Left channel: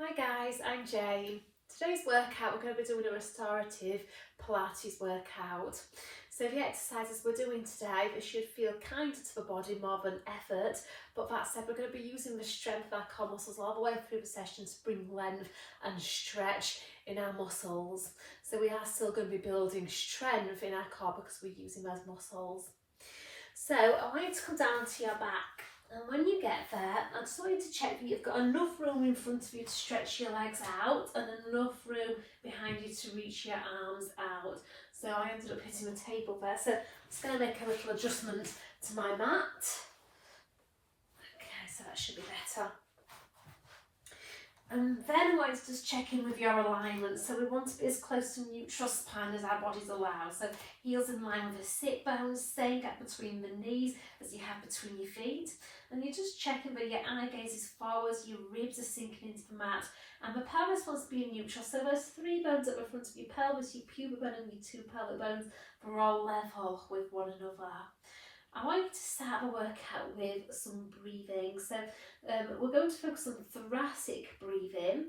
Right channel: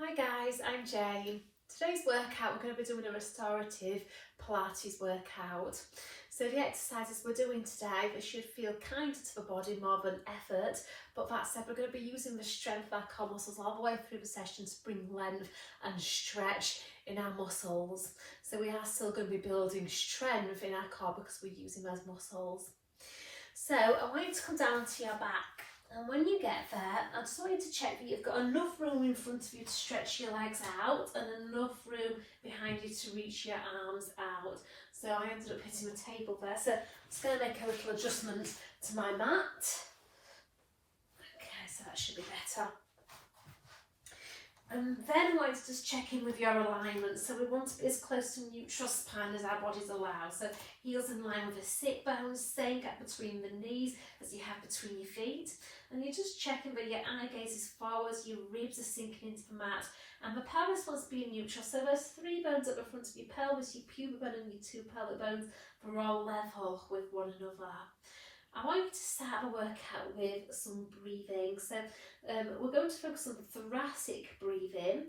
Hi guys, I'm Jane. Today's workout we're going to be doing a restorative Pilates workout. So the exercises we're doing today, they should feel kinder to the body more than effort, but that said we're going to be using the strength of our core muscles all the way through the session to bring length and stretch in our muscles. So we are still going to be building strength in our core because we're using those muscles. So I want you to come down to your back. And when you get there, I just want you to check that you've got enough room in front of you to stretch your legs out and enough room behind you to reach your arms out. So I ended up hitting the table there. So I'm just going to make a little adjustment to my mat. Okay, so that should be better. And then I want to just check in with your alignment. So we want to be as close to neutral spine as our bodies allow. So heels in line with the sit bones, same gap between the knees as you have between your feet. And you're just checking that your eye gaze is forwards, your ribs are sinking into the mat, and the pelvis wants to be neutral. So those three bones at the front of your pelvis, your pubic bone and your two pelvic bones, they're all level with one another. I want you to start the workout with some breathing. So we're going to focus on thoracic breathing,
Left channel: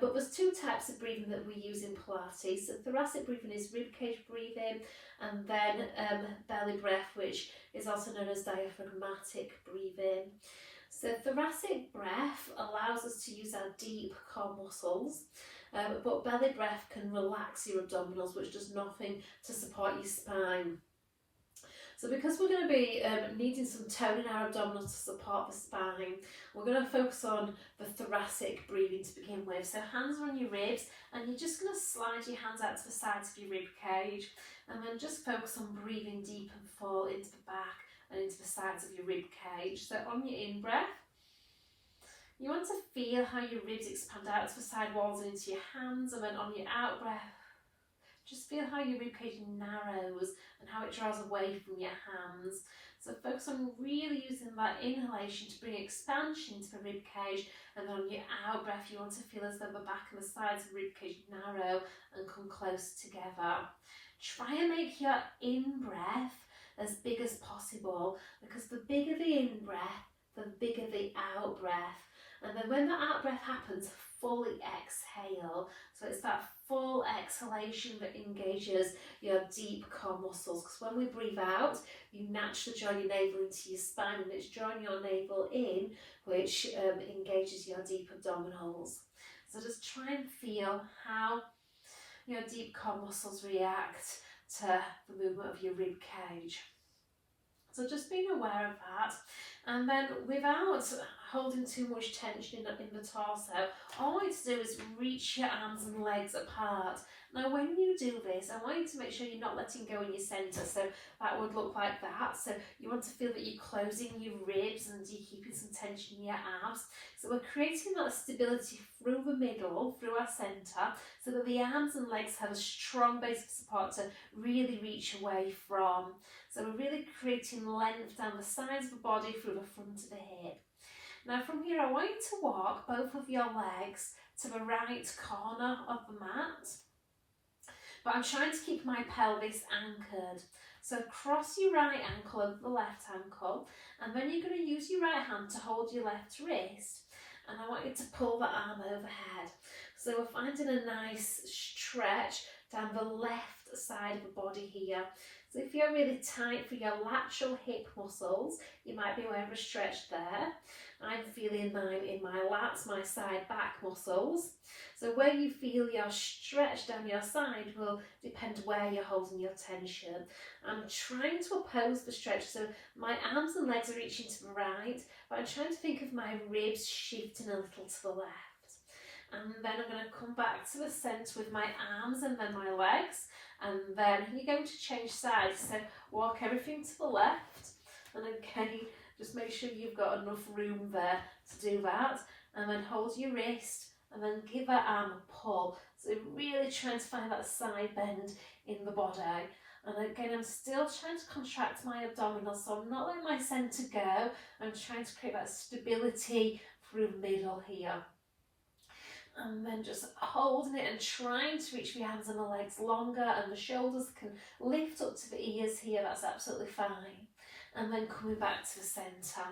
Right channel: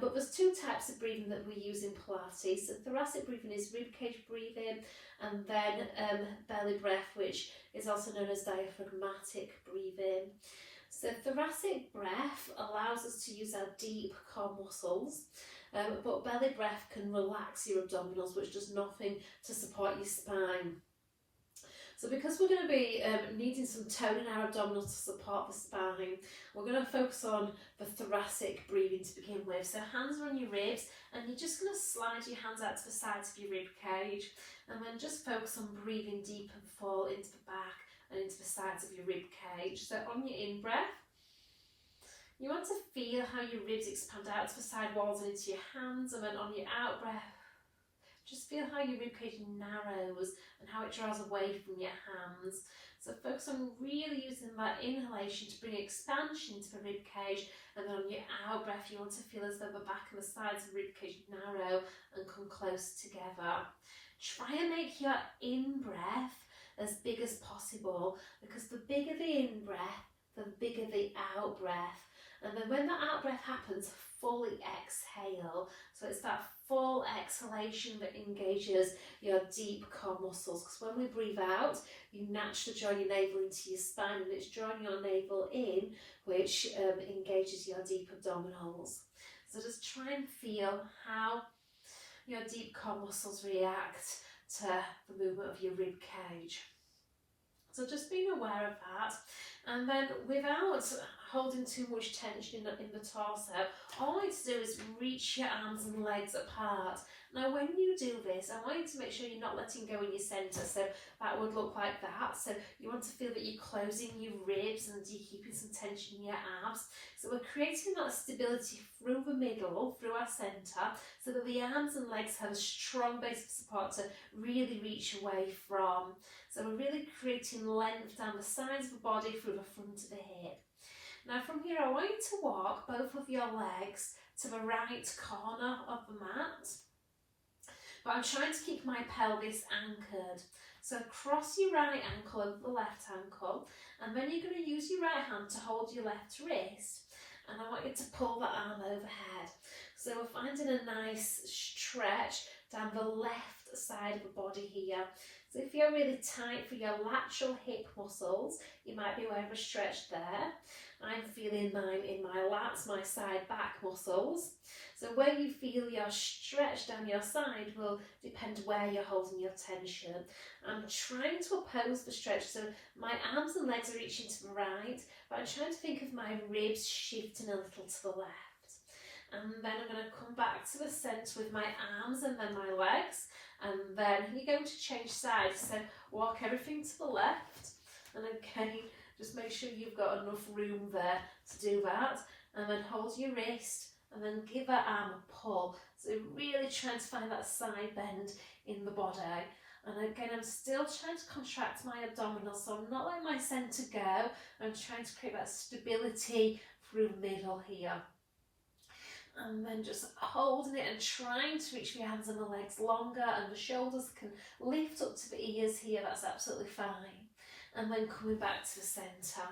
but there's two types of breathing that we use in Pilates. So thoracic breathing is ribcage breathing, and then belly breath, which is also known as diaphragmatic breathing. So thoracic breath allows us to use our deep core muscles, but belly breath can relax your abdominals, which does nothing to support your spine. So because we're going to be needing some tone in our abdominals to support the spine, we're going to focus on the thoracic breathing to begin with. So hands are on your ribs, and you're just going to slide your hands out to the sides of your rib cage, and then just focus on breathing deep and full into the back and into the sides of your rib cage. So on your in-breath, you want to feel how your ribs expand out to the side walls and into your hands, and then on your out-breath, just feel how your ribcage narrows and how it draws away from your hands. So focus on really using that inhalation to bring expansion to the ribcage, and then on your out breath you want to feel as though the back and the sides of the ribcage narrow and come close together. Try and make your in-breath as big as possible, because the bigger the in-breath, the bigger the out-breath. And then when the out-breath happens, fully exhale. So it's that full exhalation that engages your deep core muscles. Because when we breathe out, you naturally draw your navel into your spine, and it's drawing your navel in, which engages your deep abdominals. So just try and feel how your deep core muscles react to the movement of your rib cage. So just being aware of that, and then without holding too much tension in the torso, all I want you to do is reach your arms and legs apart. Now when you do this, I want you to make sure you're not letting go in your centre, so that would look like that. So you want to feel that you're closing your ribs and you're keeping some tension in your abs. So we're creating that stability through the middle, through our centre, so that the arms and legs have a strong base of support to really reach away from. So we're really creating length down the sides of the body through the front of the hip. Now from here, I want you to walk both of your legs to the right corner of the mat, but I'm trying to keep my pelvis anchored. So cross your right ankle over the left ankle, and then you're going to use your right hand to hold your left wrist, and I want you to pull the arm overhead. So we're finding a nice stretch down the left side of the body here. So if you're really tight for your lateral hip muscles, you might be aware of a stretch there. I'm feeling mine in my lats, my side back muscles. So where you feel your stretch down your side will depend where you're holding your tension. I'm trying to oppose the stretch, so my arms and legs are reaching to the right, but I'm trying to think of my ribs shifting a little to the left. And then I'm going to come back to the centre with my arms and then my legs. And then you're going to change sides, so walk everything to the left, and again just make sure you've got enough room there to do that, and then hold your wrist and then give that arm a pull. So really trying to find that side bend in the body. And again, I'm still trying to contract my abdominals, so I'm not letting my centre go. I'm trying to create that stability through the middle here. And then just holding it and trying to reach your hands and the legs longer, and the shoulders can lift up to the ears here, that's absolutely fine. And then coming back to the centre.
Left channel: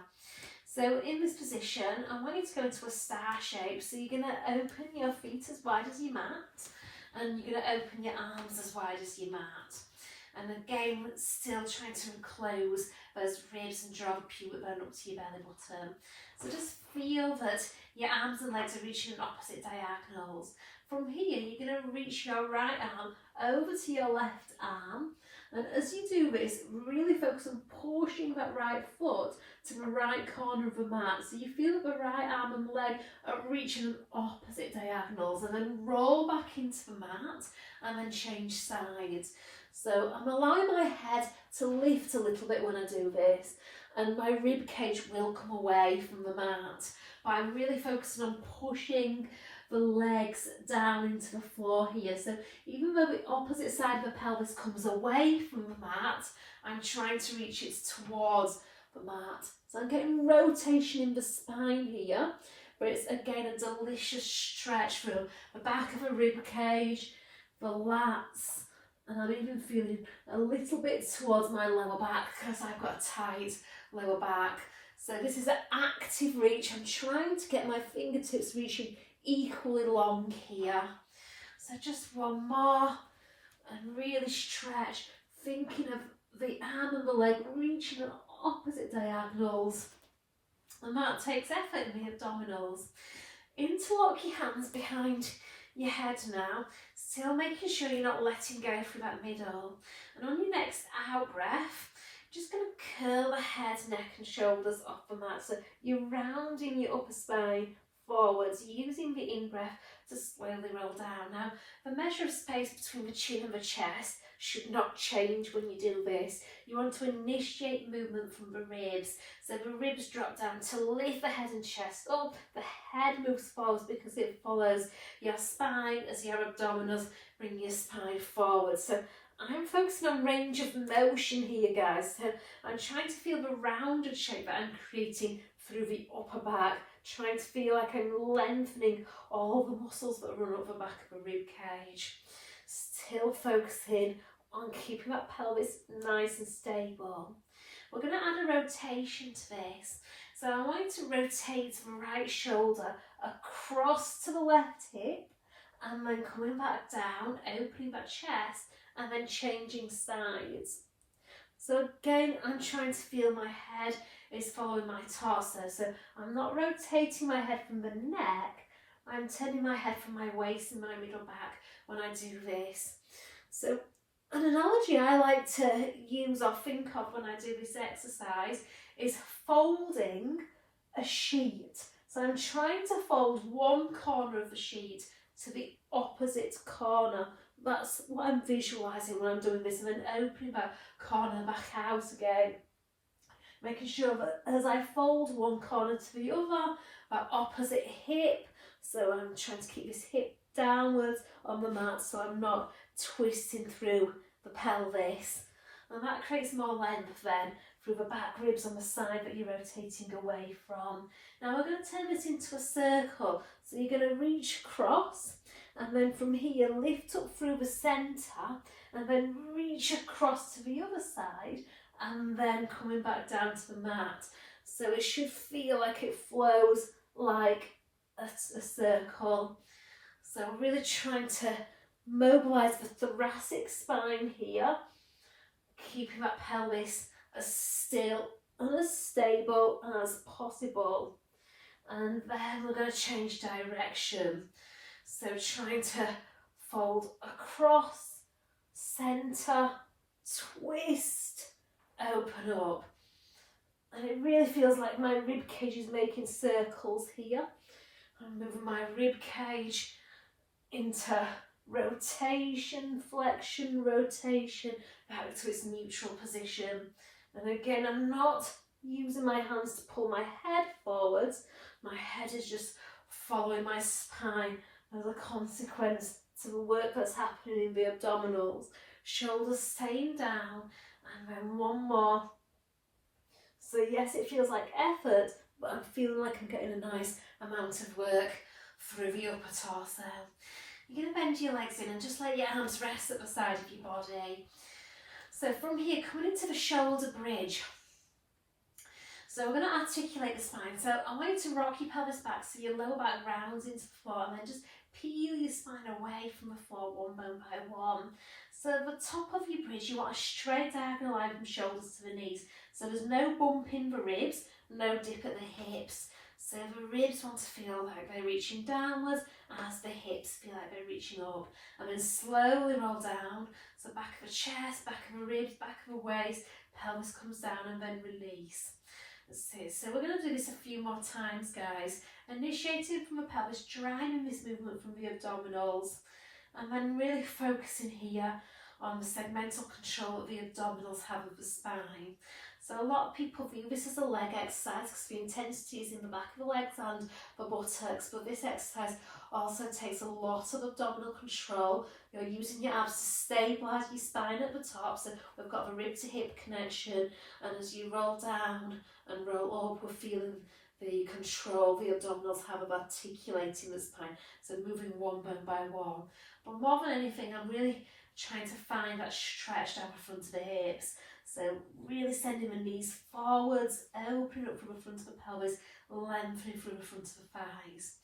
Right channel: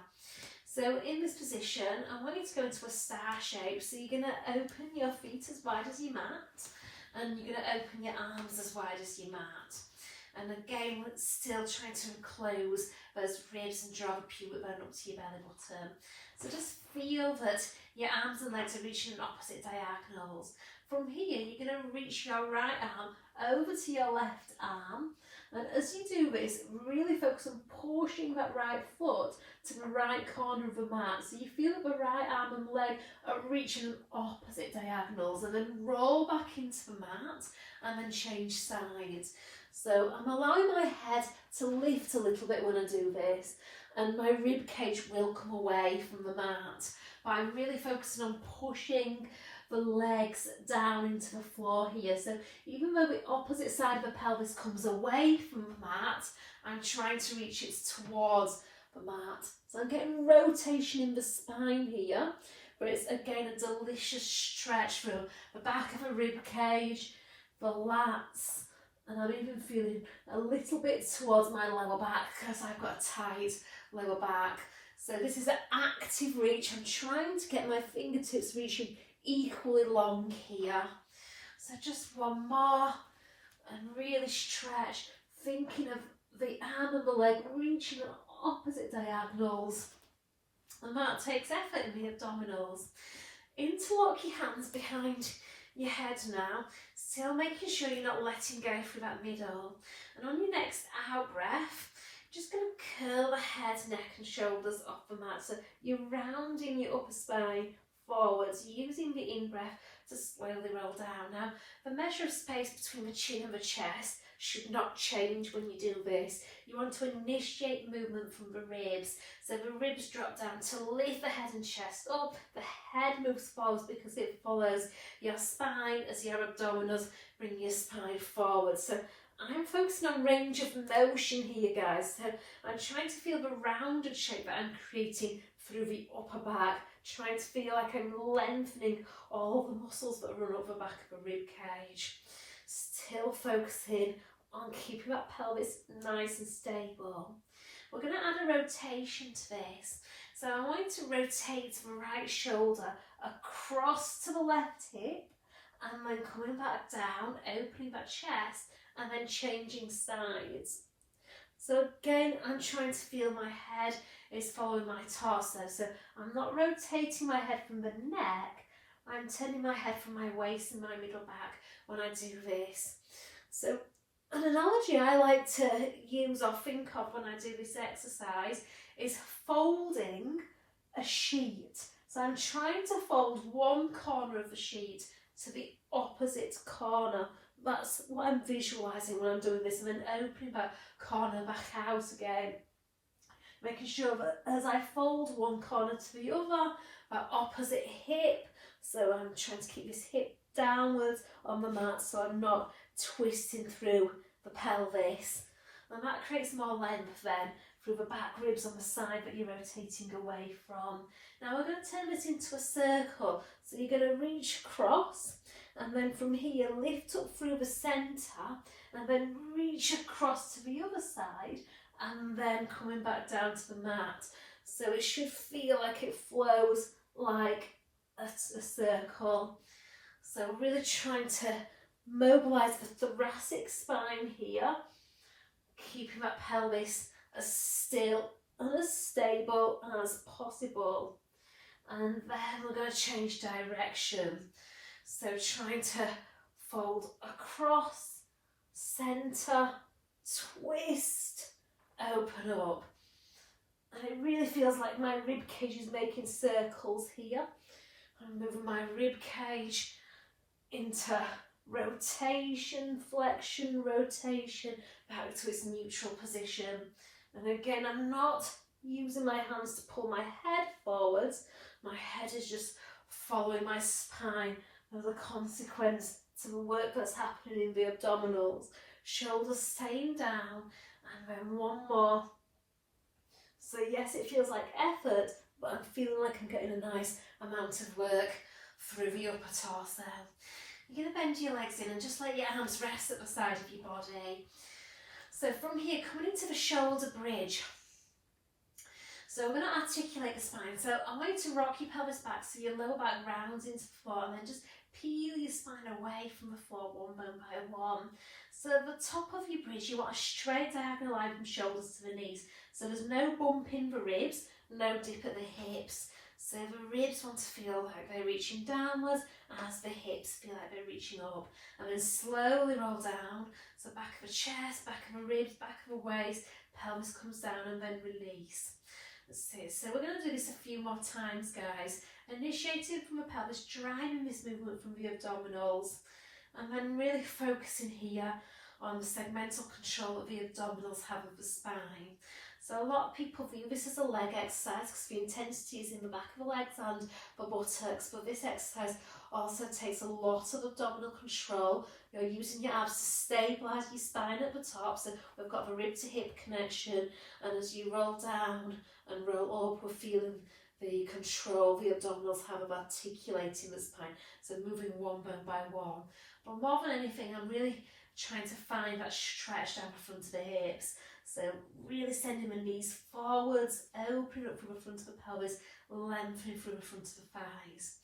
So in this position, I want you to go into a star shape. So you're going to open your feet as wide as your mat, and you're going to open your arms as wide as your mat. And again, still trying to enclose those ribs and draw the pubic bone up to your belly button. So just feel that your arms and legs are reaching in opposite diagonals. From here, you're going to reach your right arm over to your left arm. And as you do this, really focus on pushing that right foot to the right corner of the mat. So you feel that the right arm and leg are reaching in opposite diagonals, and then roll back into the mat and then change sides. So I'm allowing my head to lift a little bit when I do this, and my rib cage will come away from the mat. But I'm really focusing on pushing the legs down into the floor here. So even though the opposite side of the pelvis comes away from the mat, I'm trying to reach it towards the mat. So I'm getting rotation in the spine here, but it's again a delicious stretch through the back of the rib cage, the lats, and I'm even feeling a little bit towards my lower back because I've got a tight lower back. So this is an active reach. I'm trying to get my fingertips reaching equally long here. So just one more, and really stretch, thinking of the arm and the leg reaching at opposite diagonals. And that takes effort in the abdominals. Interlock your hands behind your head now, still making sure you're not letting go through that middle. And on your next out breath, just going to curl the head, neck and shoulders off the mat. So you're rounding your upper spine forwards, using the in-breath to slowly roll down. Now, the measure of space between the chin and the chest should not change when you do this. You want to initiate movement from the ribs. So the ribs drop down to lift the head and chest up. The head moves forwards because it follows your spine as your abdominals bring your spine forward. So I'm focusing on range of motion here, guys. So I'm trying to feel the rounded shape that I'm creating through the upper back, trying to feel like I'm lengthening all the muscles that run up the back of the rib cage. Still focusing on keeping that pelvis nice and stable. We're going to add a rotation to this. So I want you to rotate the right shoulder across to the left hip, and then coming back down, opening that chest, and then changing sides. So again, I'm trying to feel my head is following my torso. So I'm not rotating my head from the neck, I'm turning my head from my waist and my middle back when I do this. So an analogy I like to use or think of when I do this exercise is folding a sheet. So I'm trying to fold one corner of the sheet to the opposite corner. That's what I'm visualising when I'm doing this, and then opening that corner back out again. Making sure that as I fold one corner to the other, that opposite hip, so I'm trying to keep this hip downwards on the mat so I'm not twisting through the pelvis. And that creates more length then through the back ribs on the side that you're rotating away from. Now we're going to turn this into a circle. So you're going to reach across, and then from here lift up through the centre, and then reach across to the other side, and then coming back down to the mat. So it should feel like it flows like a circle. So really trying to mobilise the thoracic spine here, keeping that pelvis as still and as stable as possible. And then we're going to change direction. So trying to fold across, centre, twist, open up. And it really feels like my rib cage is making circles here. I'm moving my rib cage into rotation, flexion, rotation, back to its neutral position. And again, I'm not using my hands to pull my head forwards. My head is just following my spine as a consequence to the work that's happening in the abdominals. Shoulders staying down, and then one more. So yes, it feels like effort, but I'm feeling like I'm getting a nice amount of work through the upper torso. You're going to bend your legs in and just let your arms rest at the side of your body. So from here, coming into the shoulder bridge. So So we're going to articulate the spine. So I want you to rock your pelvis back so your lower back rounds into the floor, and then just peel your spine away from the floor one bone by one. So at the top of your bridge, you want a straight diagonal line from shoulders to the knees. So there's no bump in the ribs, no dip at the hips. So the ribs want to feel like they're reaching downwards as the hips feel like they're reaching up. And then slowly roll down. So back of the chest, back of the ribs, back of the waist, pelvis comes down and then release. That's it. So we're going to do this a few more times, guys. Initiating from the pelvis, driving this movement from the abdominals. And then really focusing here on the segmental control that the abdominals have of the spine. So a lot of people view this as a leg exercise because the intensity is in the back of the legs and the buttocks, but this exercise also takes a lot of abdominal control. You're using your abs to stabilise your spine at the top, so we've got the rib to hip connection, and as you roll down and roll up, we're feeling the control the abdominals have of articulating the spine, so moving one bone by one. But more than anything, I'm really trying to find that stretch down the front of the hips. So really sending the knees forwards, opening up from the front of the pelvis, lengthening from the front of the thighs.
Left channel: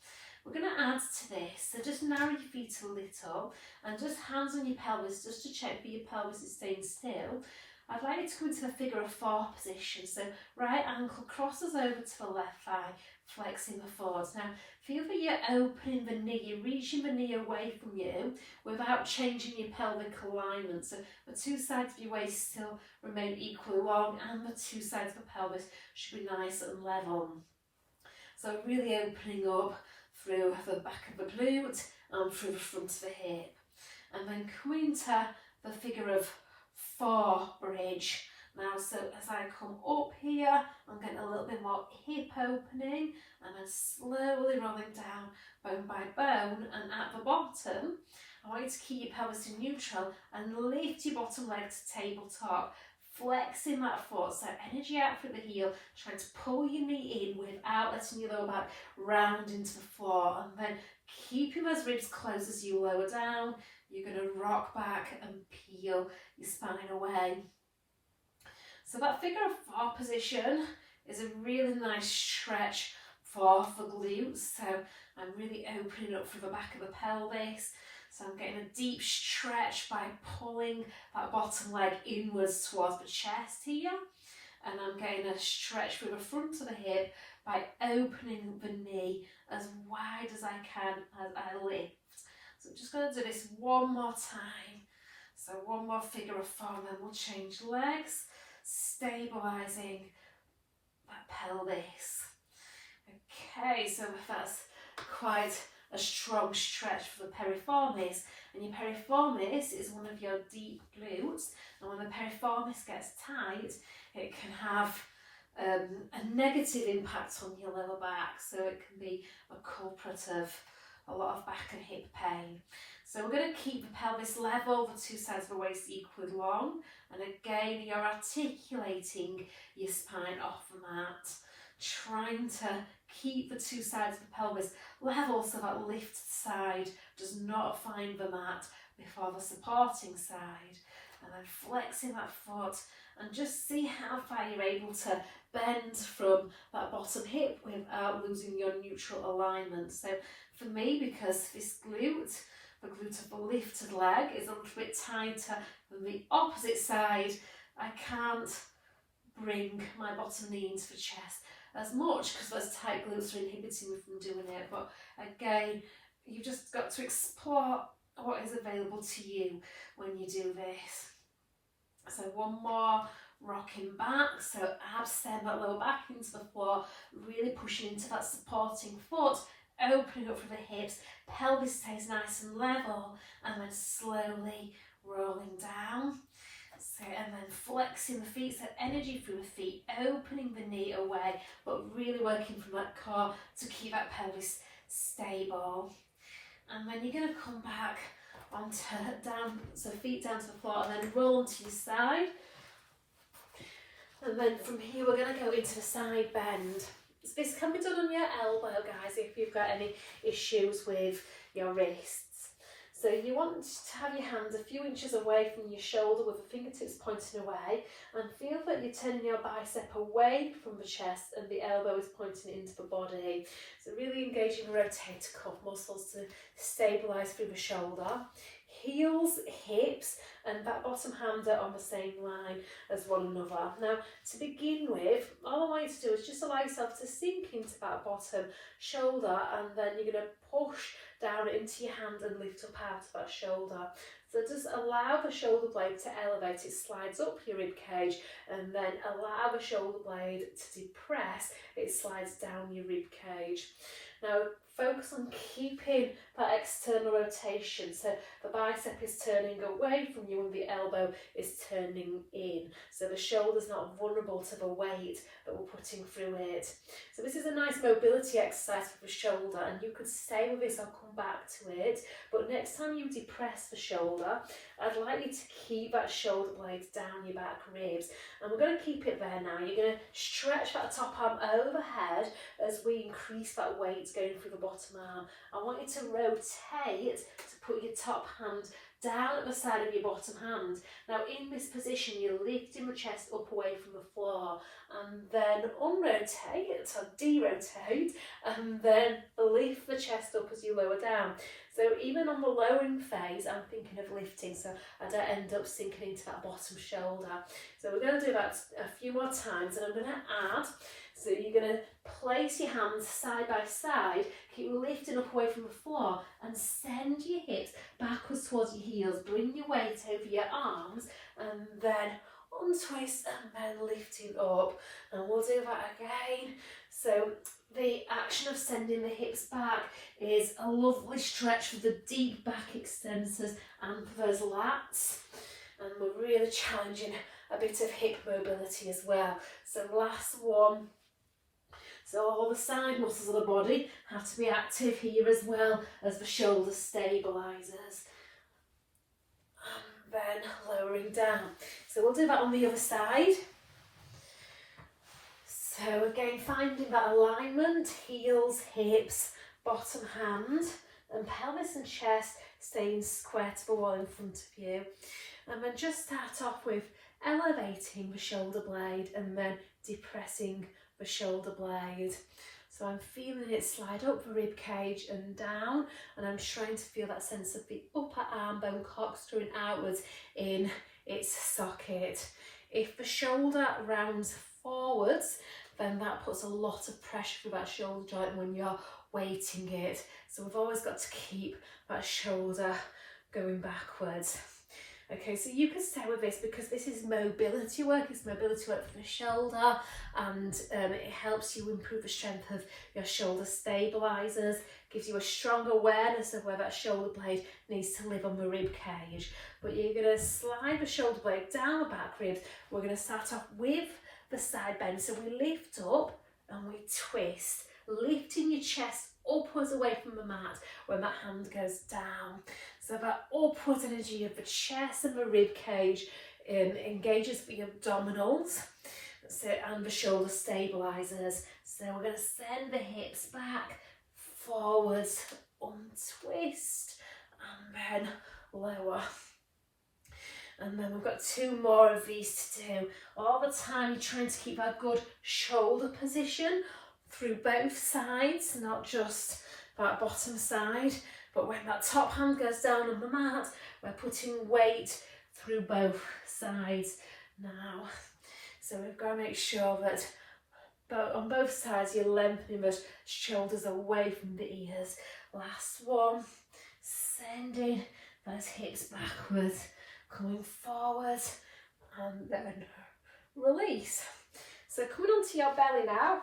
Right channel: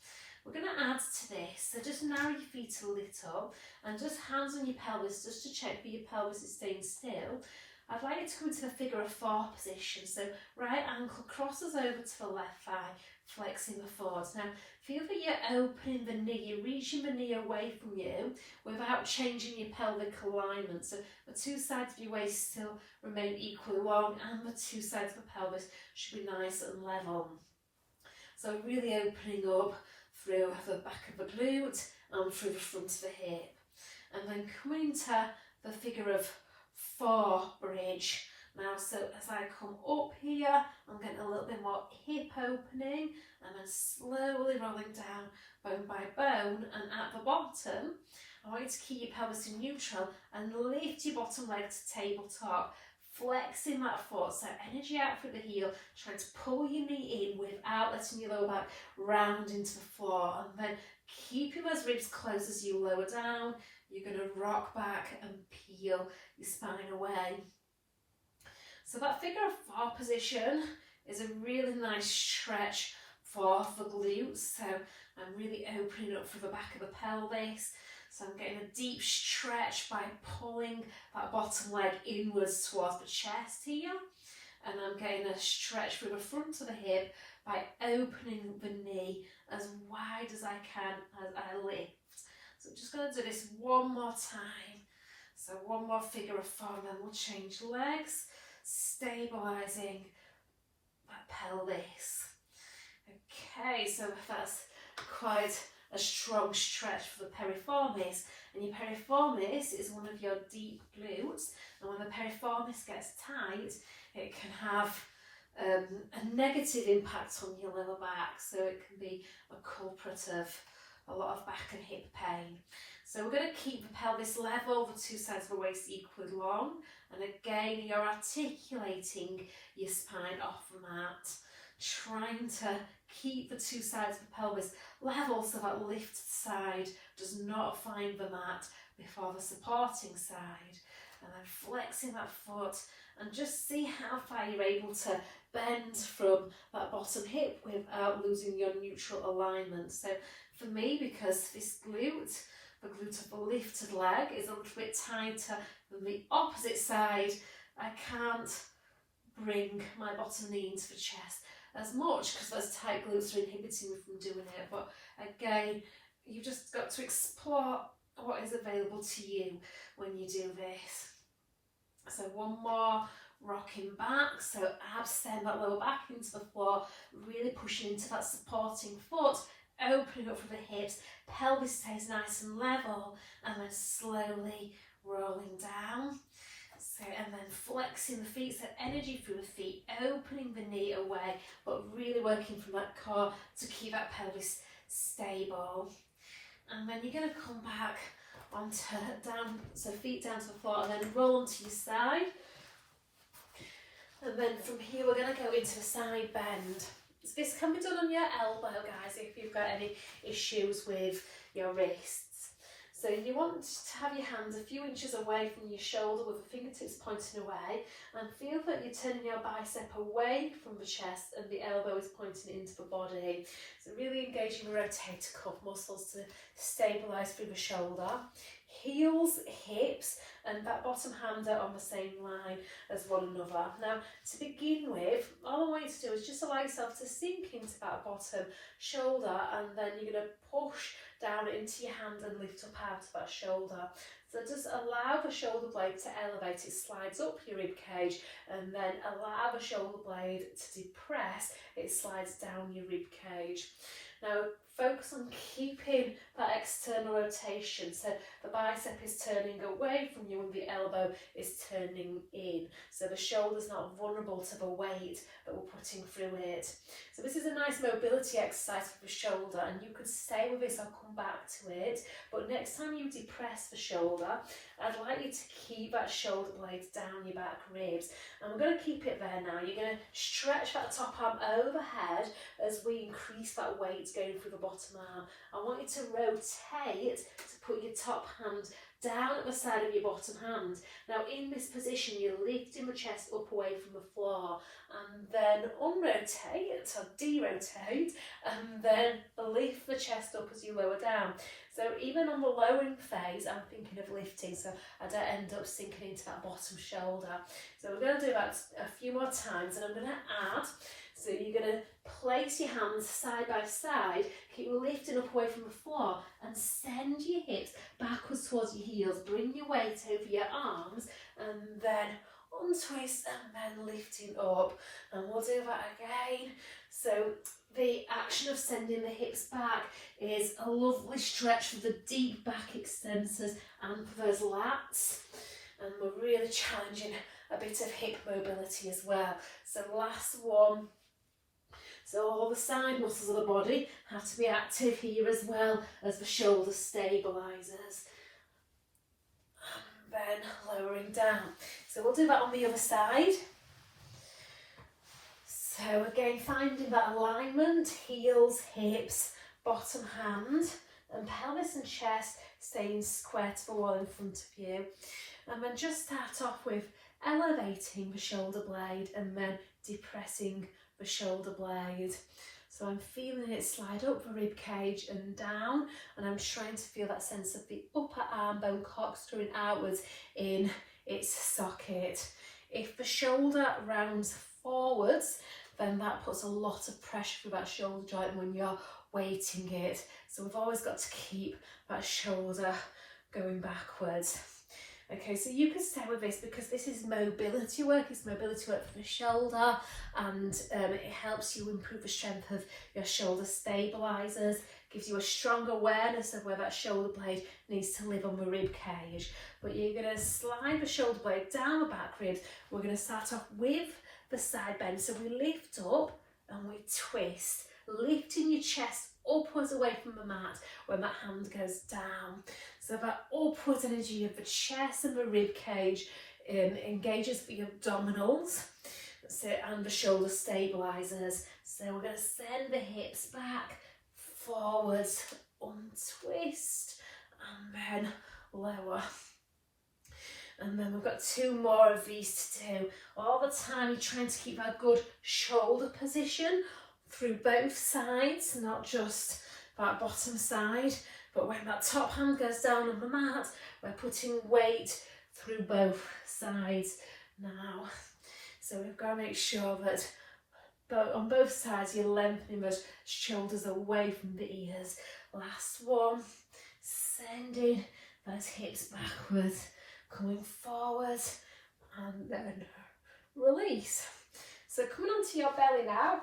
We're going to add to this, so just narrow your feet a little and just hands on your pelvis just to check that your pelvis is staying still. I'd like you to come into the figure of four position. So right ankle crosses over to the left thigh, flexing the forwards. Now feel that you're opening the knee, you're reaching the knee away from you without changing your pelvic alignment. So the two sides of your waist still remain equally long and the two sides of the pelvis should be nice and level. So really opening up through the back of the glute and through the front of the hip. And then coming to the figure of four bridge. Now, so as I come up here, I'm getting a little bit more hip opening and then slowly rolling down bone by bone, and at the bottom, I want you to keep your pelvis in neutral and lift your bottom leg to tabletop, flexing that foot, so energy out through the heel, trying to pull your knee in without letting your lower back round into the floor, and then keeping those ribs closed as you lower down. You're going to rock back and peel your spine away. So that figure of four position is a really nice stretch for the glutes. So I'm really opening up through the back of the pelvis. So I'm getting a deep stretch by pulling that bottom leg inwards towards the chest here. And I'm getting a stretch through the front of the hip by opening the knee as wide as I can as I lift. So I'm just going to do this one more time. So one more figure of four, and then we'll change legs, stabilising that pelvis. Okay, so that's quite a strong stretch for the piriformis, and your piriformis is one of your deep glutes, and when the piriformis gets tight, it can have a negative impact on your lower back, so it can be a culprit of a lot of back and hip pain. So we're going to keep the pelvis level, the two sides of the waist equally long, and again you're articulating your spine off the mat, trying to keep the two sides of the pelvis level so that lifted side does not find the mat before the supporting side, and then flexing that foot and just see how far you're able to bend from that bottom hip without losing your neutral alignment. So for me, because this glute, the glute of the lifted leg, is a little bit tighter than the opposite side, I can't bring my bottom knee into the chest as much because those tight glutes are inhibiting me from doing it. But again, you've just got to explore what is available to you when you do this. So one more, rocking back, so abs send that lower back into the floor, really pushing into that supporting foot, opening up from the hips, pelvis stays nice and level, and then slowly rolling down. So, and then flexing the feet, so energy through the feet, opening the knee away, but really working from that core to keep that pelvis stable. And then you're going to come back onto down, so feet down to the floor, and then roll onto your side. And then from here we're going to go into the side bend. So this can be done on your elbow, guys, if you've got any issues with your wrists. So you want to have your hands a few inches away from your shoulder with the fingertips pointing away, and feel that you're turning your bicep away from the chest and the elbow is pointing into the body. So really engaging the rotator cuff muscles to stabilise through the shoulder. Heels, hips and that bottom hand are on the same line as one another. Now to begin with, all I want you to do is just allow yourself to sink into that bottom shoulder, and then you're going to push down into your hand and lift up out of that shoulder. So just allow the shoulder blade to elevate, it slides up your rib cage, and then allow the shoulder blade to depress, it slides down your rib cage. Now focus on keeping that external rotation, so the bicep is turning away from you and the elbow is turning in, so the shoulder's not vulnerable to the weight that we're putting through it. So this is a nice mobility exercise for the shoulder, and you could stay with this, I'll come back to it, but next time you depress the shoulder, I'd like you to keep that shoulder blade down your back ribs, and we're going to keep it there now. You're going to stretch that top arm overhead as we increase that weight going through the bottom arm. I want you to rotate to put your top hand down at the side of your bottom hand. Now in this position you're lifting the chest up away from the floor, and then unrotate or derotate, and then lift the chest up as you lower down. So even on the lowering phase I'm thinking of lifting, so I don't end up sinking into that bottom shoulder. So we're going to do that a few more times, and I'm going to add. So you're going to place your hands side by side, keep lifting up away from the floor, and send your hips backwards towards your heels. Bring your weight over your arms, and then untwist, and then lifting up. And we'll do that again. So the action of sending the hips back is a lovely stretch for the deep back extensors and for those lats. And we're really challenging a bit of hip mobility as well. So last one. So all the side muscles of the body have to be active here as well as the shoulder stabilisers. And then lowering down. So we'll do that on the other side. So again, finding that alignment, heels, hips, bottom hand, and pelvis and chest staying square to the wall in front of you. And then just start off with elevating the shoulder blade and then depressing the shoulder blade. So I'm feeling it slide up the rib cage and down, and I'm trying to feel that sense of the upper arm bone corkscrewing outwards in its socket. If the shoulder rounds forwards, then that puts a lot of pressure through that shoulder joint when you're weighting it. So we've always got to keep that shoulder going backwards. Okay, so you can stay with this because this is mobility work. It's mobility work for the shoulder, and it helps you improve the strength of your shoulder stabilisers, gives you a strong awareness of where that shoulder blade needs to live on the rib cage. But you're going to slide the shoulder blade down the back ribs. We're going to start off with the side bend. So we lift up and we twist, lifting your chest upwards away from the mat when that hand goes down. So that upwards energy of the chest and the rib cage engages the abdominals, and the shoulder stabilisers. So we're going to send the hips back, forwards, untwist, and then lower. And then we've got two more of these to do. All the time you're trying to keep that good shoulder position through both sides, not just that bottom side. But when that top hand goes down on the mat, we're putting weight through both sides now. So we've got to make sure that on both sides you're lengthening the shoulders away from the ears. Last one, sending those hips backwards, coming forward, and then release. So coming onto your belly now,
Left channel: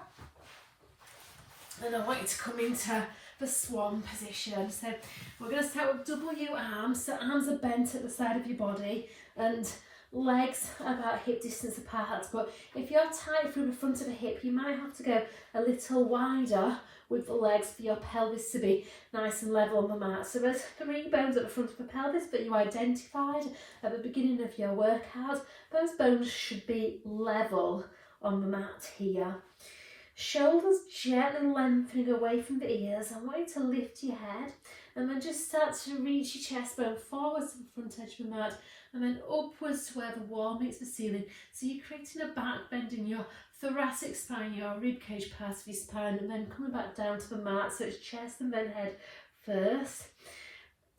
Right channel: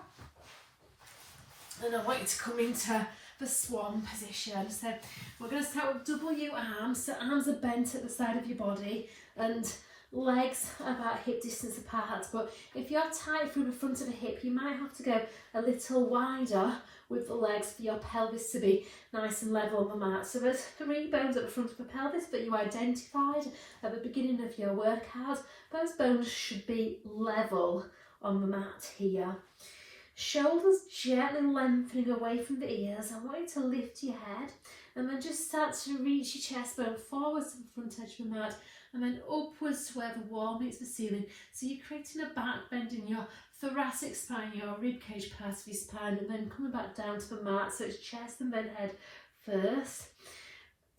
and I want you to come into the swan position. So we're going to start with W arms. So arms are bent at the side of your body and legs about hip distance apart. But if you're tight through the front of the hip, you might have to go a little wider with the legs for your pelvis to be nice and level on the mat. So there's 3 bones at the front of the pelvis that you identified at the beginning of your workout. Those bones should be level on the mat here. Shoulders gently lengthening away from the ears. I want you to lift your head And then just start to reach your chest bone forwards to the front edge of the mat, and then upwards to where the wall meets the ceiling. So you're creating a back bend in your thoracic spine, your rib cage part of your spine, and then coming back down to the mat. So it's chest and then head first.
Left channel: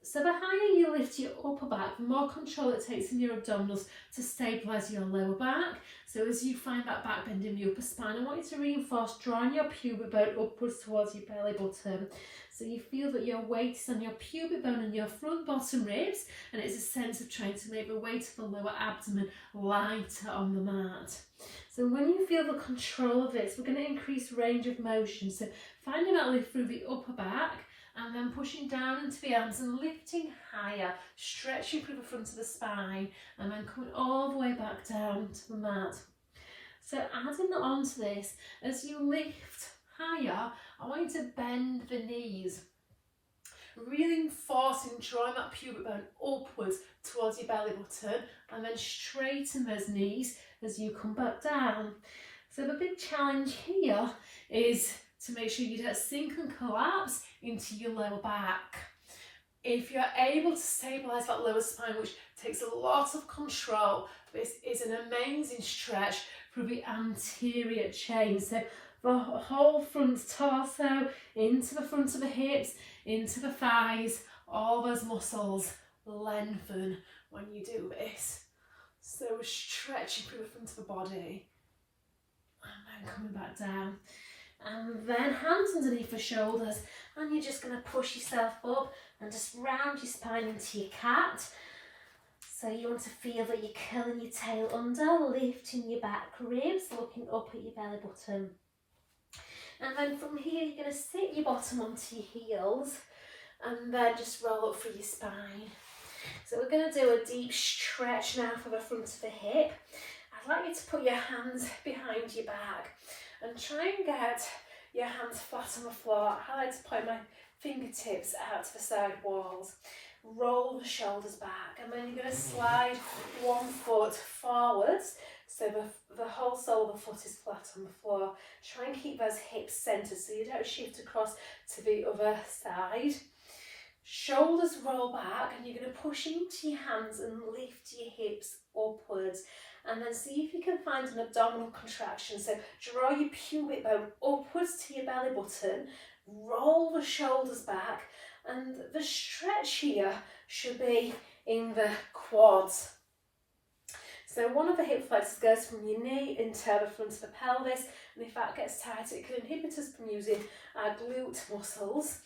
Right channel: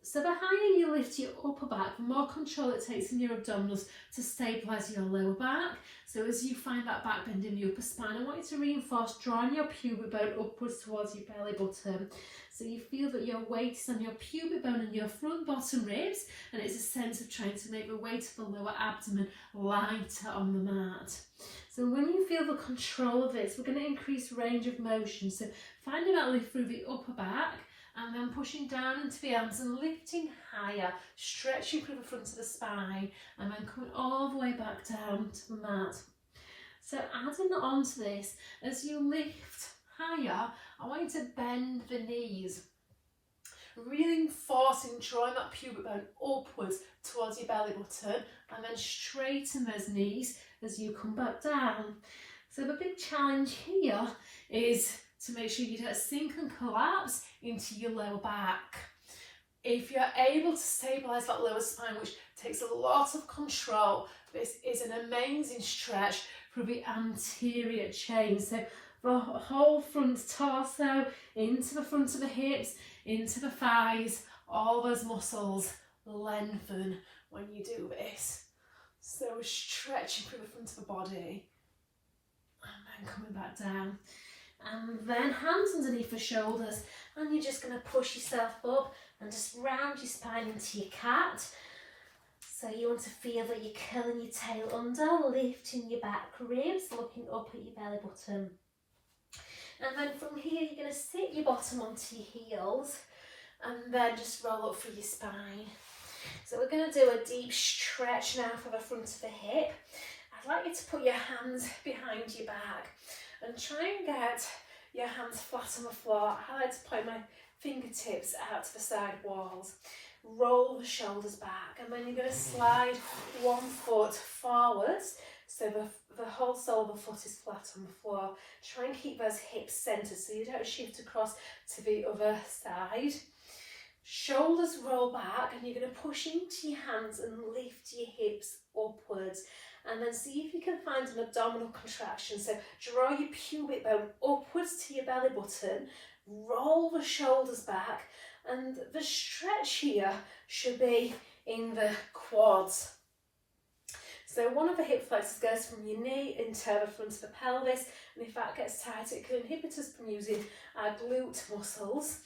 So the higher you lift your upper back, the more control it takes in your abdominals to stabilise your lower back. So as you find that back bend in the upper spine, I want you to reinforce drawing your pubic bone upwards towards your belly button. So you feel that your weight is on your pubic bone and your front bottom ribs, and it's a sense of trying to make the weight of the lower abdomen lighter on the mat. So when you feel the control of this, we're going to increase range of motion. So finding that lift through the upper back, and then pushing down into the arms and lifting higher, stretching through the front of the spine, and then coming all the way back down to the mat. So adding on to this, as you lift higher, I want you to bend the knees, really forcing, drawing that pubic bone upwards towards your belly button, and then straighten those knees as you come back down. So the big challenge here is to make sure you don't sink and collapse into your lower back. If you're able to stabilise that lower spine, which takes a lot of control, this is an amazing stretch for the anterior chain. So the whole front torso, into the front of the hips, into the thighs, all those muscles lengthen when you do this. So we're stretching through the front of the body, and then coming back down. And then hands underneath the shoulders, and you're just going to push yourself up and just round your spine into your cat. So you want to feel that you're curling your tail under, lifting your back ribs, looking up at your belly button. And then from here, you're going to sit your bottom onto your heels, and then just roll up through your spine. So we're going to do a deep stretch now for the front of the hip. I'd like you to put your hands behind your back and try and get your hands flat on the floor. I like to point my fingertips out to the side walls. Roll the shoulders back, and then you're going to slide one foot forwards, so the whole sole of the foot is flat on the floor. Try and keep those hips centred so you don't shift across to the other side. Shoulders roll back, and you're going to push into your hands and lift your hips upwards. And then see if you can find an abdominal contraction. So draw your pubic bone upwards to your belly button, roll the shoulders back, and the stretch here should be in the quads. So one of the hip flexors goes from your knee into the front of the pelvis, and if that gets tight, it can inhibit us from using our glute muscles,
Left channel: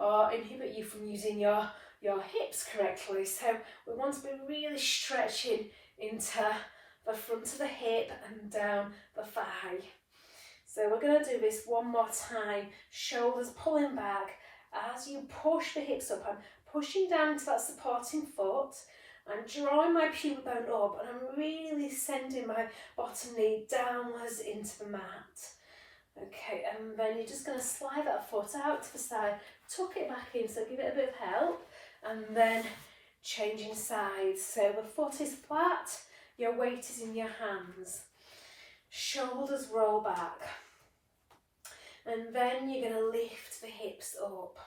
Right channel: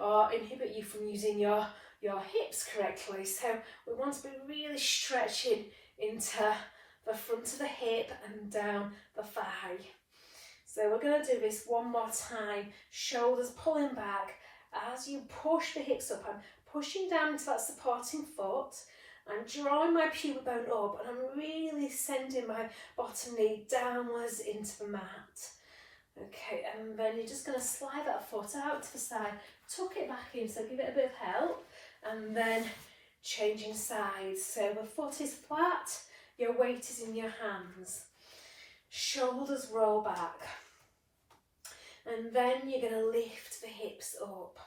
or inhibit you from using your hips correctly. So we want to be really stretching into the front of the hip and down the thigh. So we're going to do this one more time. Shoulders pulling back. As you push the hips up, I'm pushing down into that supporting foot. I'm drawing my pubic bone up, and I'm really sending my bottom knee downwards into the mat. Okay, and then you're just going to slide that foot out to the side, tuck it back in, so give it a bit of help, and then changing sides. So the foot is flat, your weight is in your hands. Shoulders roll back. And then you're going to lift the hips up.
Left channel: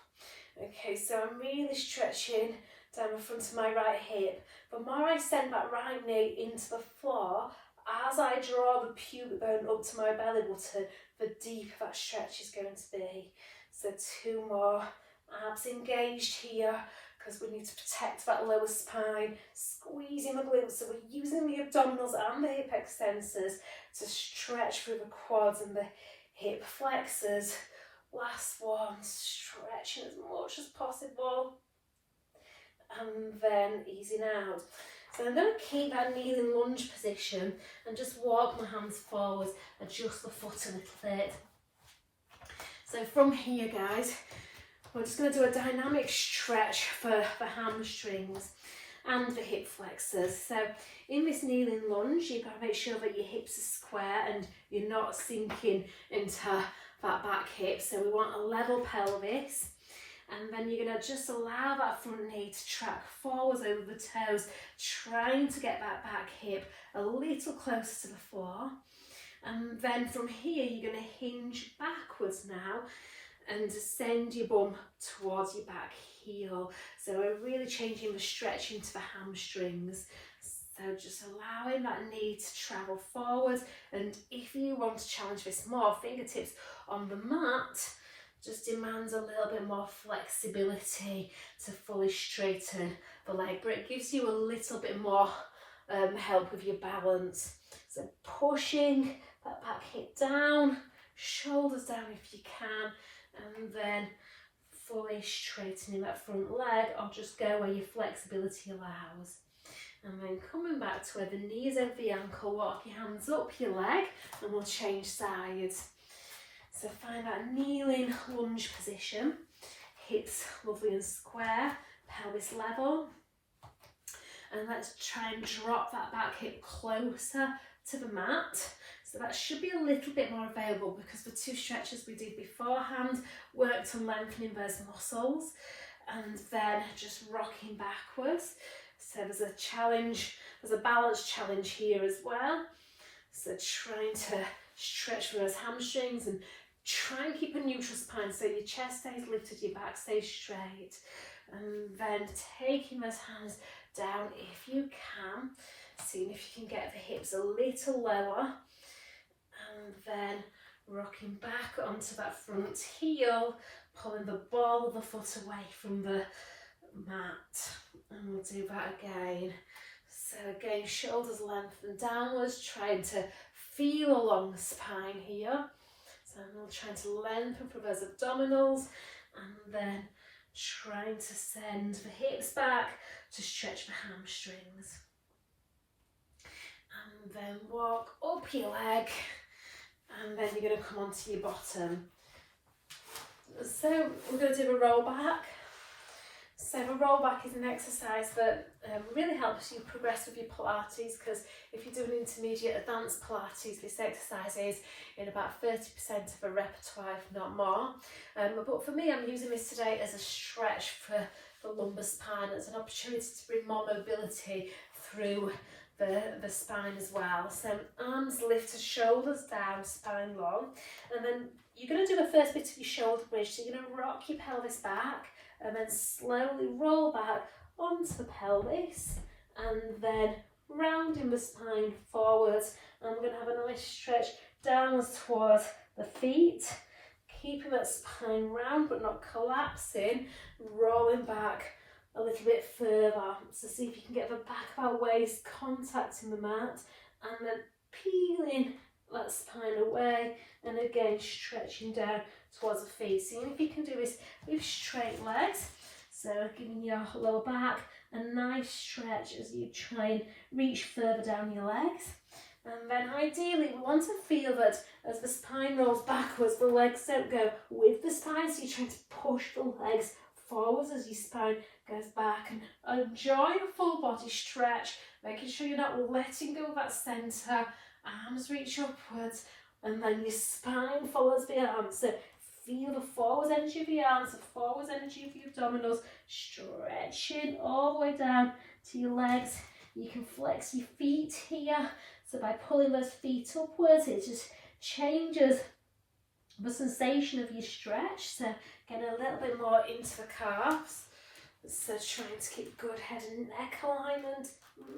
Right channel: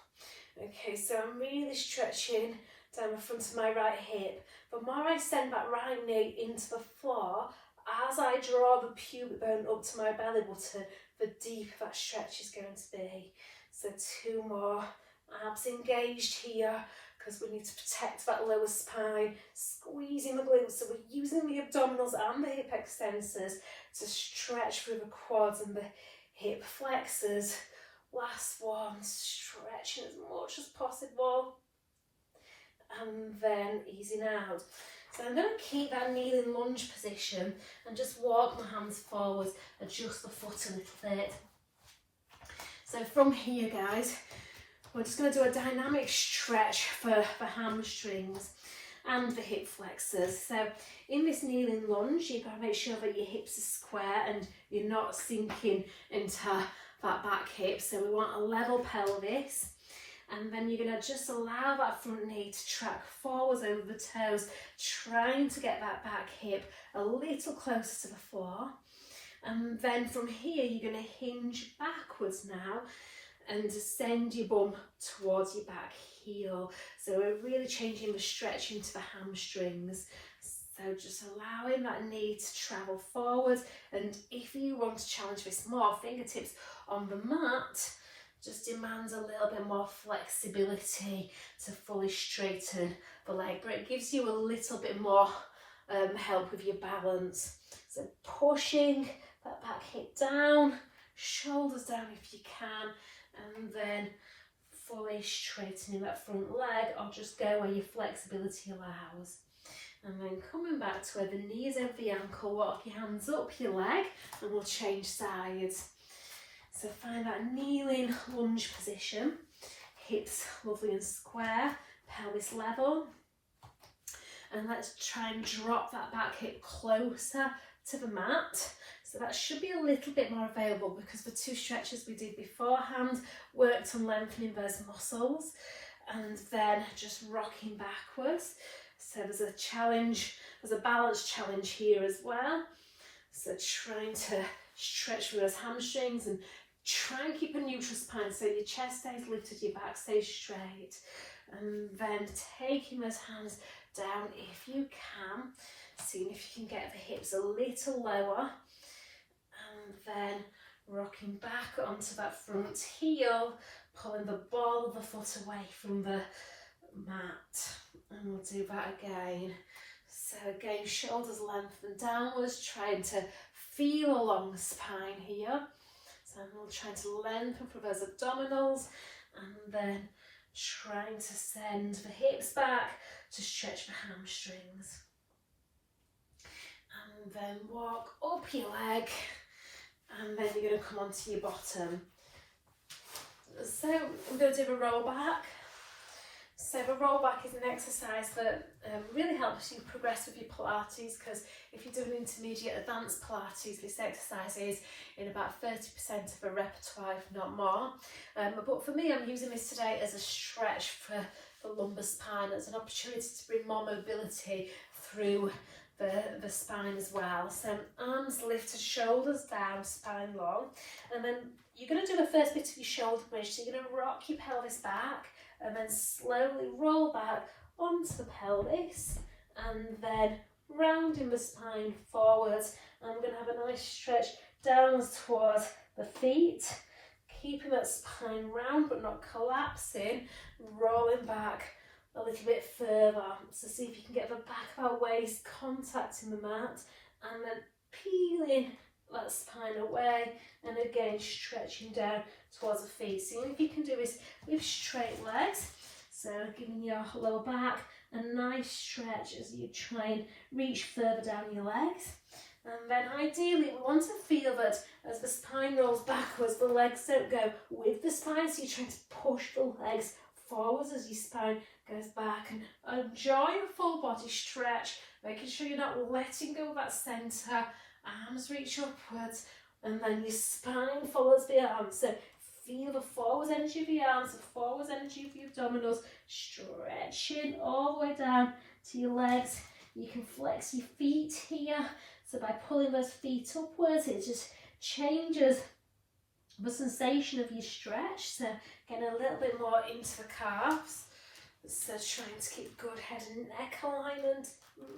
Okay, so I'm really stretching down the front of my right hip. The more I send that right knee into the floor, as I draw the pubic bone up to my belly button, the deeper that stretch is going to be. So 2 more. Abs engaged here, because we need to protect that lower spine, squeezing the glutes. So we're using the abdominals and the hip extensors to stretch through the quads and the hip flexors. Last one, stretching as much as possible, and then easing out. So I'm going to keep that kneeling lunge position and just walk my hands forwards, adjust the foot a little bit. So from here, guys, we're just going to do a dynamic stretch for the hamstrings and the hip flexors. So in this kneeling lunge, you've got to make sure that your hips are square and you're not sinking into that back hip. So we want a level pelvis. And then you're going to just allow that front knee to track forwards over the toes, trying to get that back hip a little closer to the floor. And then from here, you're going to hinge backwards now and send your bum towards your back heel. So we're really changing the stretch into the hamstrings. So just allowing that knee to travel forward. And if you want to challenge this more, fingertips on the mat just demands a little bit more flexibility to fully straighten the leg, but it gives you a little bit more help with your balance. So pushing that back hip down, shoulders down if you can, and then fully straightening that front leg, or just go where your flexibility allows. And then coming back to where the knee is over the ankle, walk your hands up your leg and we'll change sides. So find that kneeling lunge position, hips lovely and square, pelvis level. And let's try and drop that back hip closer to the mat. So that should be a little bit more available because the two stretches we did beforehand worked on lengthening those muscles and then just rocking backwards. So there's a challenge, there's a balance challenge here as well. So trying to stretch through those hamstrings and try and keep a neutral spine so your chest stays lifted, your back stays straight. And then taking those hands down if you can, seeing if you can get the hips a little lower. And then rocking back onto that front heel, pulling the ball of the foot away from the mat. And we'll do that again. So again, shoulders lengthen downwards, trying to feel along the spine here. So we'll try to lengthen for those abdominals and then trying to send the hips back to stretch the hamstrings. And then walk up your leg and then you're going to come onto your bottom. So we're going to do a roll back. So the roll back is an exercise that really helps you progress with your Pilates, because if you're doing intermediate advanced Pilates, this exercise is in about 30% of the repertoire, if not more. But for me, I'm using this today as a stretch for the lumbar spine, as an opportunity to bring more mobility through the spine as well. So arms lifted, shoulders down, spine long. And then you're going to do the first bit of your shoulder bridge. So you're going to rock your pelvis back and then slowly roll back onto the pelvis and then rounding the spine forwards. And we're going to have a nice stretch downwards towards the feet, keeping that spine round but not collapsing, rolling back a little bit further. So see if you can get the back of our waist contacting the mat and then peeling that spine away, and again stretching down towards the feet. See if you can do this with straight legs. So giving your lower back a nice stretch as you try and reach further down your legs. And then ideally we want to feel that as the spine rolls backwards, the legs don't go with the spine, so you're trying to push the legs forwards as your spine goes back, and enjoy a full body stretch, making sure you're not letting go of that centre. Arms reach upwards and then your spine follows the arms. So feel the forwards energy of the arms, the forwards energy of your abdominals, stretching all the way down to your legs. You can flex your feet here. So by pulling those feet upwards, it just changes the sensation of your stretch. So getting a little bit more into the calves. So trying to keep good head and neck alignment,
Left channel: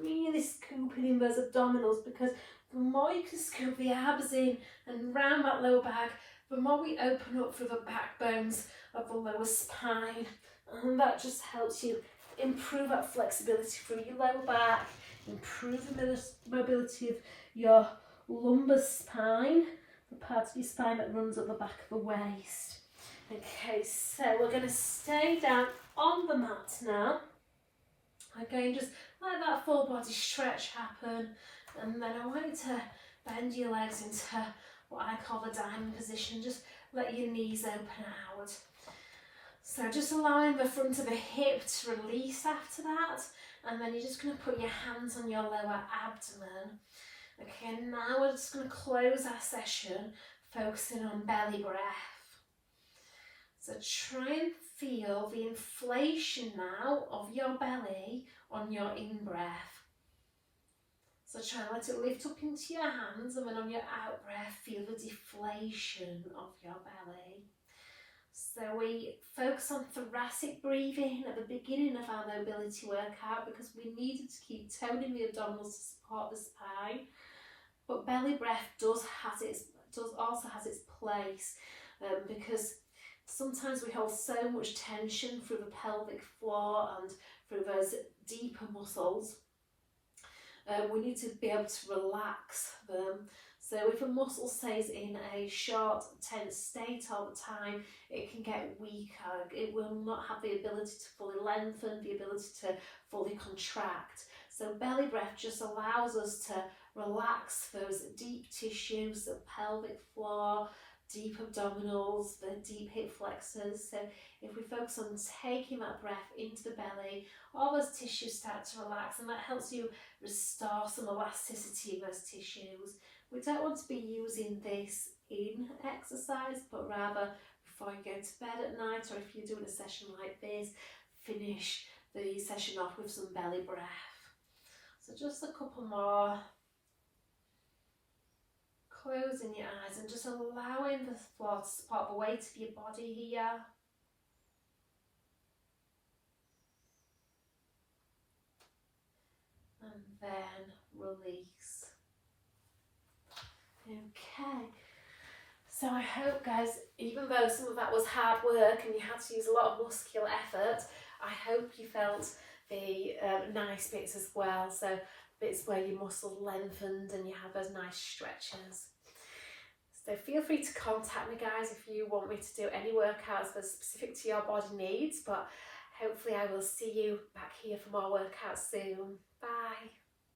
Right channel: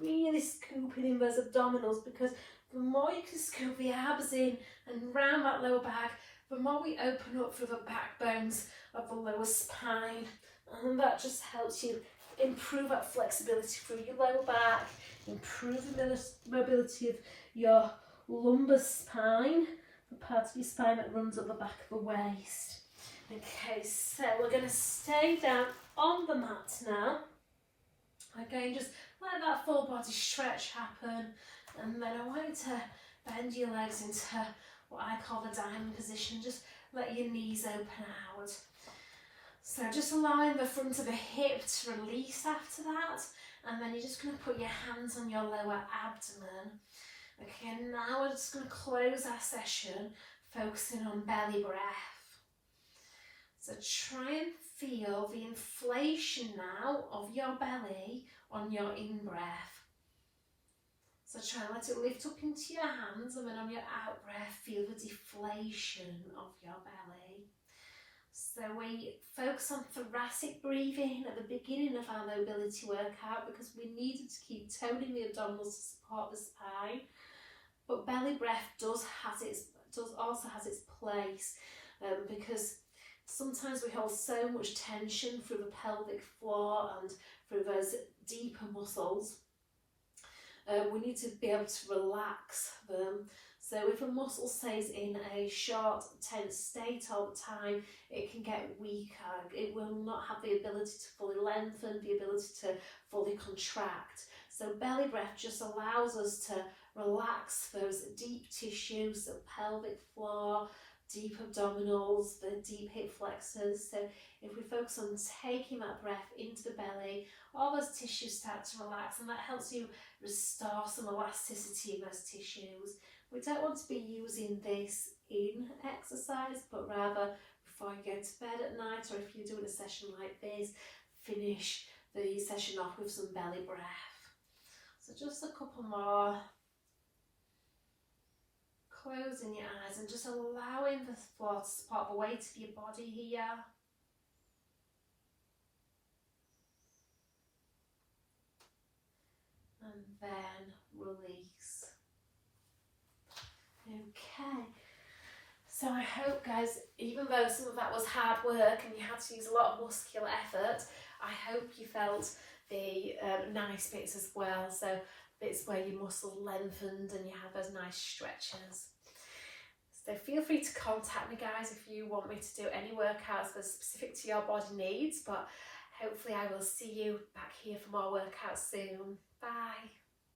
really scooping in those abdominals, because the more you can scoop the abs in and round that lower back, the more we open up through the backbones of the lower spine, and that just helps you improve that flexibility through your lower back, improve the mobility of your lumbar spine, the part of your spine that runs up the back of the waist. Okay, so we're going to stay down on the mat now. Again, just let that full body stretch happen, and then I want you to bend your legs into what I call the diamond position. Just let your knees open out. So just allowing the front of the hip to release after that, and then you're just going to put your hands on your lower abdomen. Okay, now we're just going to close our session focusing on belly breath. So try and feel the inflation now of your belly on your in-breath. So try and let it lift up into your hands, and then on your out-breath, feel the deflation of your belly. So So we focus on thoracic breathing at the beginning of our mobility workout because we needed to keep toning the abdominals to support the spine. But belly breath also has its place because sometimes we hold so much tension through the pelvic floor and through those deeper muscles. We need to be able to relax them. So if a muscle stays in a short, tense state all the time, it can get weaker. It will not have the ability to fully lengthen, the ability to fully contract. So belly breath just allows us to relax those deep tissues, the pelvic floor, deep abdominals, the deep hip flexors. So if we focus on taking that breath into the belly, all those tissues start to relax, and that helps you restore some elasticity in those tissues. We don't want to be using this in exercise, but rather before you go to bed at night, or if you're doing a session like this, finish the session off with some belly breath. So just a couple more. Closing your eyes and just allowing the floor to support the weight of your body here. And then release. Okay, so I hope, guys, even though some of that was hard work and you had to use a lot of muscular effort, I hope you felt the nice bits as well. So bits where your muscles lengthened and you have those nice stretches. So feel free to contact me, guys, if you want me to do any workouts that are specific to your body needs. But hopefully I will see you back here for more workouts soon. Bye.